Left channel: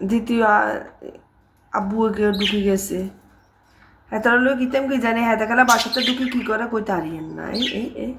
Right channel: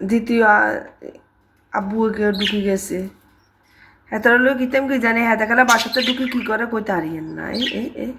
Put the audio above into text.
দ্বিতীয় আব্বু কেউ ঢুকে গেছে হেতার লোক কিতাম কি জানি হেতা খেলা বাসাতে ঢুকে কি করে কইতে হারিয়েন না এই